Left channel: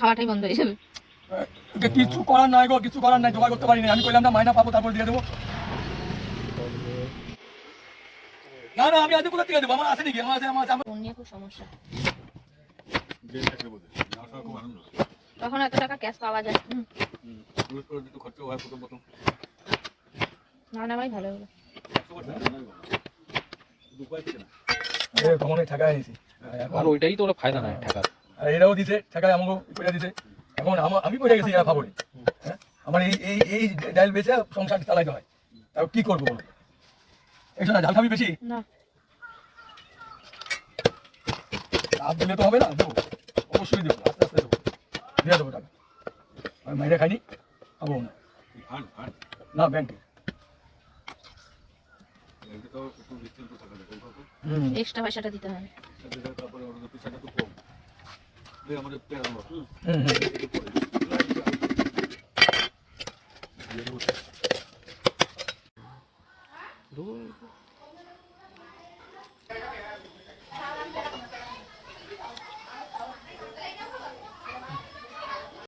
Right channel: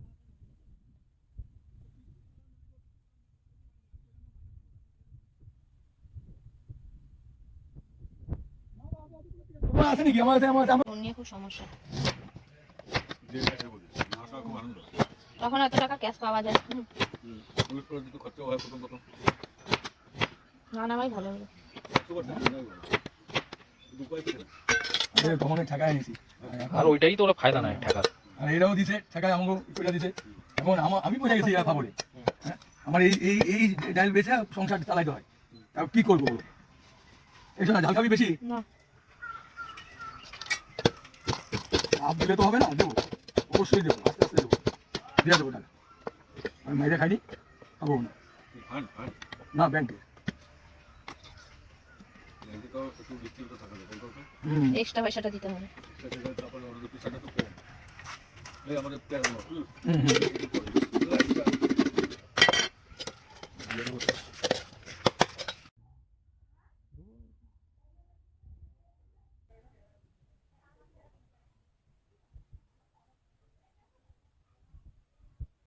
খাওয়াটাই বন্ধ হয়ে যাবে। কিছু করার নাই গো, কিছু করার নাই, জোগাড় করতে পারিনি। আমি কইলাম না মাইনা পাবো তারপর দিয়ে দেবো। না না, আমি আজ কোথা থেকে দেবো? আমার আছে নাকি? আমার আছে, আমার আছে। ফোন নিয়ে খুব সমস্যা। তখন এত টাকা ক্যাশ পাওয়া যায়। না নামাই ভালো হবে। কখনো ঠেকায় নিছি, আর ওইটাই তো ওরা ফায়দা নাই ঠেকার। আর এরাও দিছে ঠেকায়, আমাকে করে দিছে। এখন আমি পড়ে গেছি ফাবরে। আমার এই এই এই ডাল বেচে সংসার চালাইতে হয়, তাও কি করবো বলো? এই শোনা, ঝাল খাবি বেশি? না লাভ দিলে তো হবে না, দেবো অবশ্যই দেবো, আস্তে আস্তে দেবো, দিয়ে দেবো টাকা। আমি মাইরে খাইনি, খাবো না। না ব্যাংকে এক্সট্রা পয়সাটা দিতে হবে।